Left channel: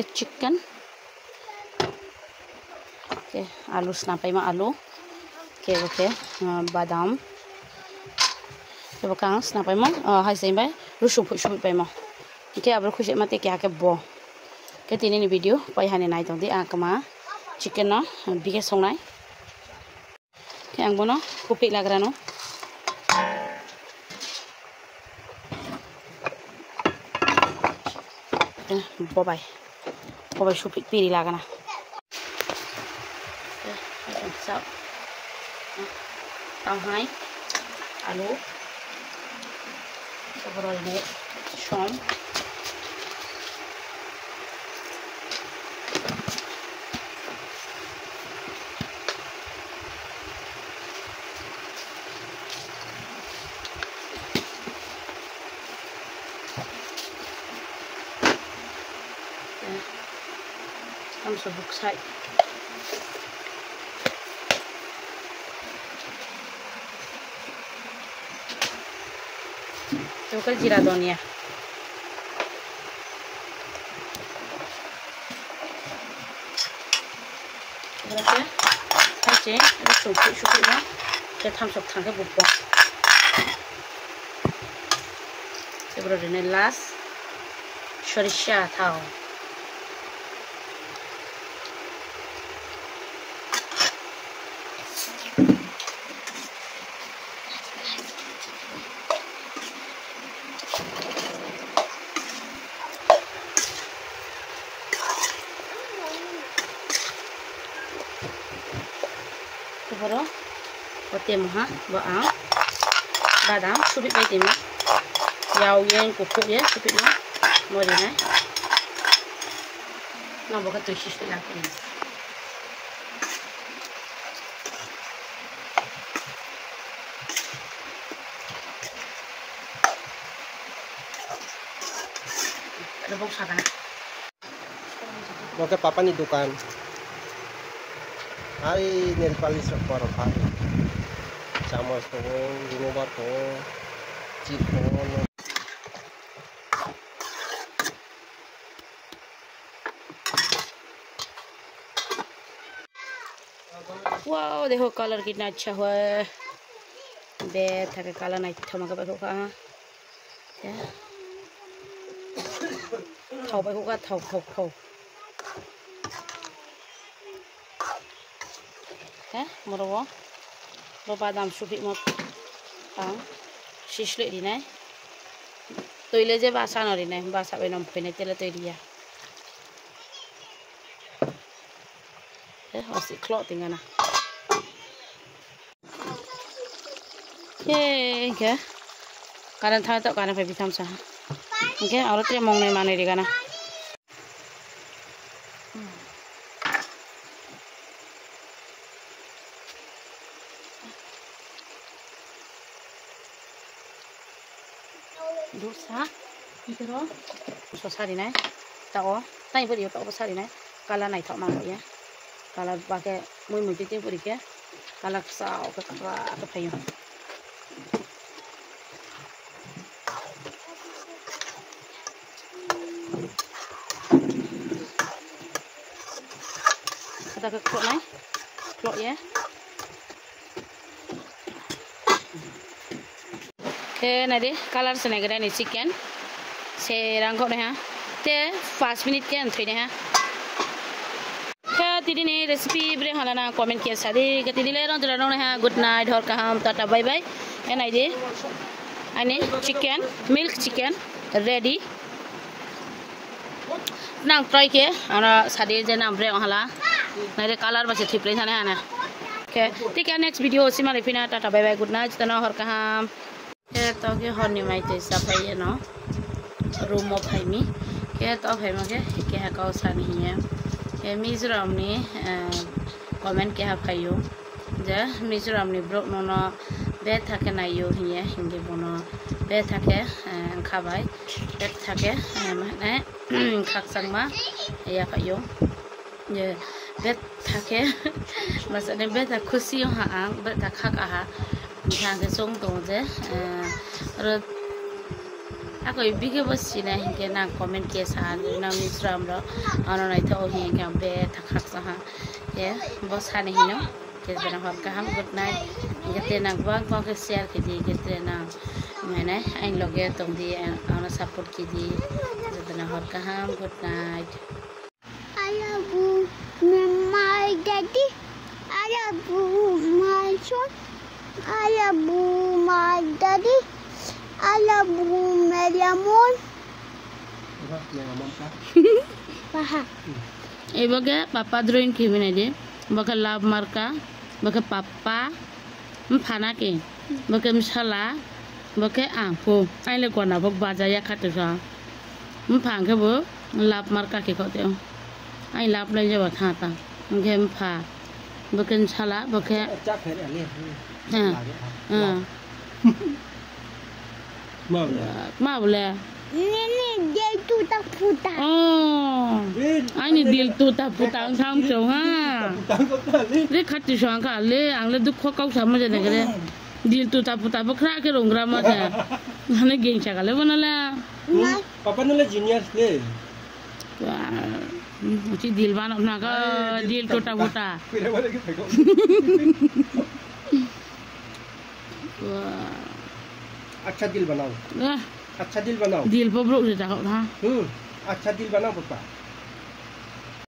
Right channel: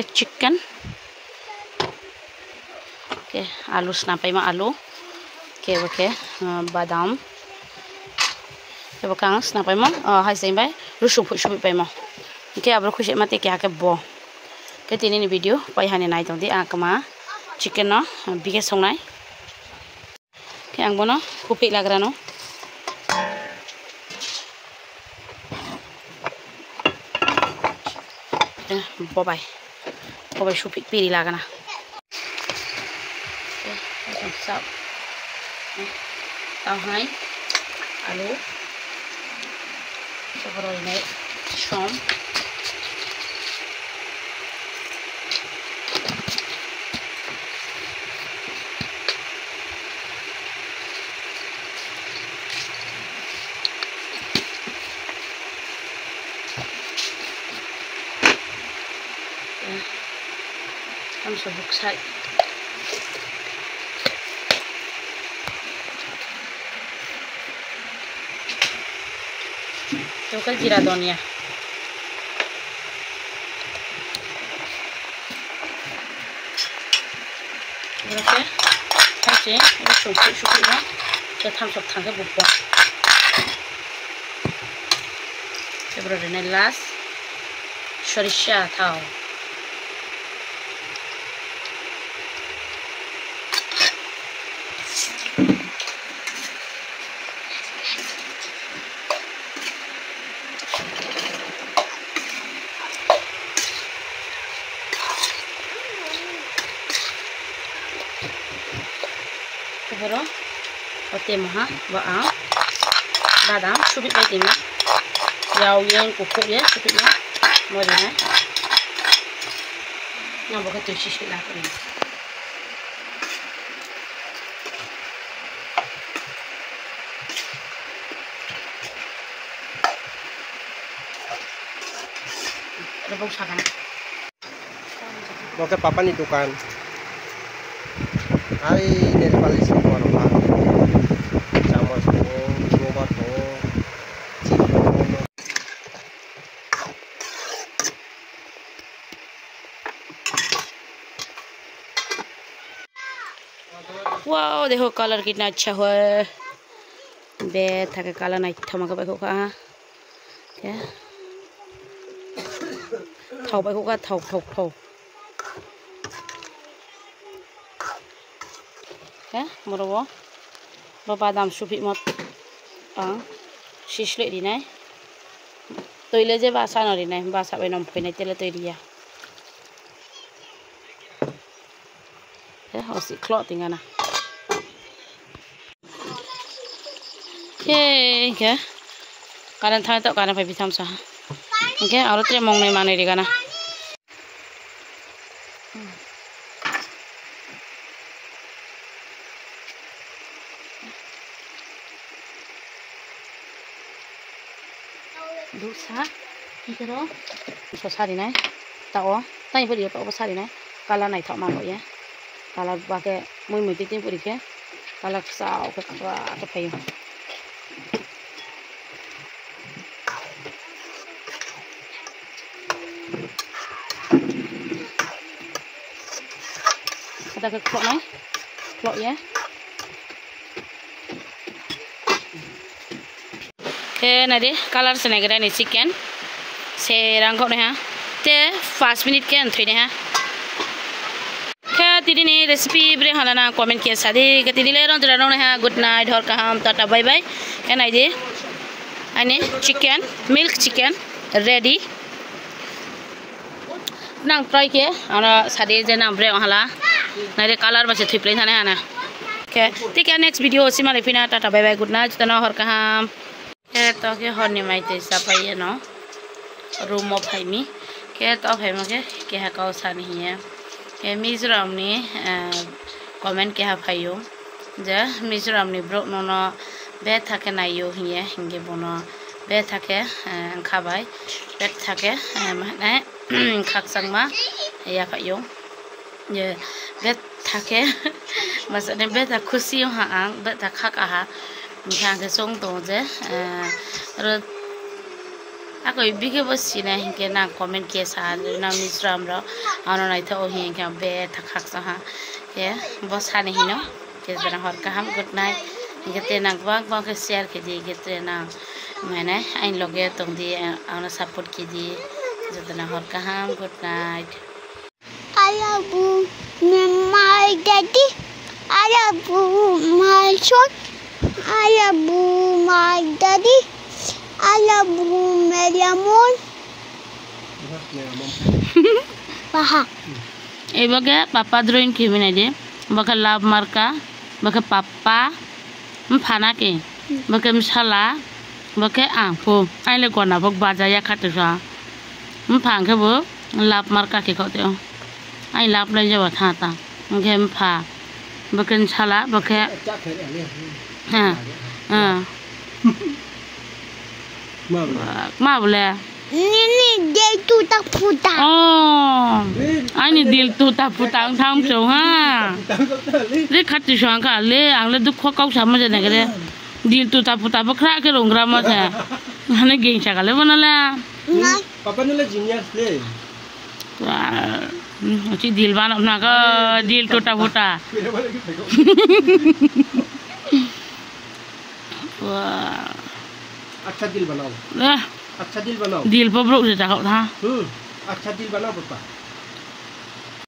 chicken. Okay, alu snapai ma alu. Okay, badam. Bakang snapai ma hai sai bai rusuk phusup pai ma. Okay, abro khushi mate kya ke bo. Ke tini ni video pai hane nai tong di akama chicken no bige songnai. Okay, ang bono kupi lagra no. Bobai supik piri lagana. So, tao hai alu sobro ini shom ang subuksay. Local jira donia. Berapa? Oke, ini sup ya. Kita tamsok tangga bubuk. Seberapa ini las? Sorisha tahu. Baru, oke mah, baang, badam, subit lagi ni, jauh yang kuku ya, subitnya, mau ni, nak buat tu sisi lah ni. Ada bau sakan. Oke, papa ni dukan. Ay nail polish ko ano pa. Chamos ko, robot ko. Wow, देखो कलर कितना अच्छा हुआ है। बे थके कलर नहीं थमा का बैठो का। क्या? थाव बैठो का थाव। Okay, murawa. Badam supik mot, sisle di nai. Toile je basa nori nai, basa benom pene tele toilia. Okay, osi klot tingana. Okay. Karan thang tak karan papi tham sah. Okay, alat re mong nai mane di kana. Dosa, kiro, sosari nai, tahu, tanya puri apa sosari nai, kala nai tak mahu ya, kala pakai mui titik puri ke, kala kesau ke apa payu. Ada ke klok nai, klok ya. Okay, nade color se negara ni chicken se rangkok ni ha te 5 minute ke antri ni ha kya tidi ni recipe bre halana comment kiya sadi gati dile ron jara ni ha good night hor kaham tata bye bye and ide ane chicken milk chicken ready nang try ke ana sadi je nam bre hala nade color ba se thiplen thane ha na okay take next video sima lefina tata bye bye good night tana hor kaham ke to ke honi mai te sapai no room of haimi ke to haima ke ha ka sa ni ya ke mizoram ni comment ke ha phayo ja mizoram ni bro no no be thake na yo hiye hinge bono be thake khabai be thake mane khaksang ma ya phayo je be thake masane be ta khushi ha ang be ta khak ha Thang cái sông tổ chứ, rồi Ako ibigay bos sina hinke na comment ke sa na misram ro ano na ito hinke be thakak sa ha ke bos ha ni hino ke bana hor ka ham good night hinke te na bang bang ke share ke di ke te na mane ain loge tong di ana support ke di jatana hor ka ham good night. I love my daddy. I love my son. I love my daddy. I love my lemon. Pahak. Ibaga papa drawing kimi na di. Baka love marka. Baka papa. Mpana ke. Baka mishala. Baka ampo. Ay le kona bak baja ya katisa. Mpang ke bo. Love marka ke kau teo. Ay love la jawa thata. Mke mpa. Baka mishala. Baka. Ma boleh. Ini dia tu tak putar. Oh, ini deal tu tak putang tham song ha. Le khati song ka le ang le duk kau sama je nak le. Deal tu tak putar bakra ke rongra ma je. Hane geng sa ka le bana la. Papa nula genius le. Ci deal bana na ka deal tu tak putar. Wah. अच्छा दिल बनाओ, अच्छा दिल बनाओ, दिल पर ब्रोक से जाओ था। अच्छा दिल बनाओ पापा।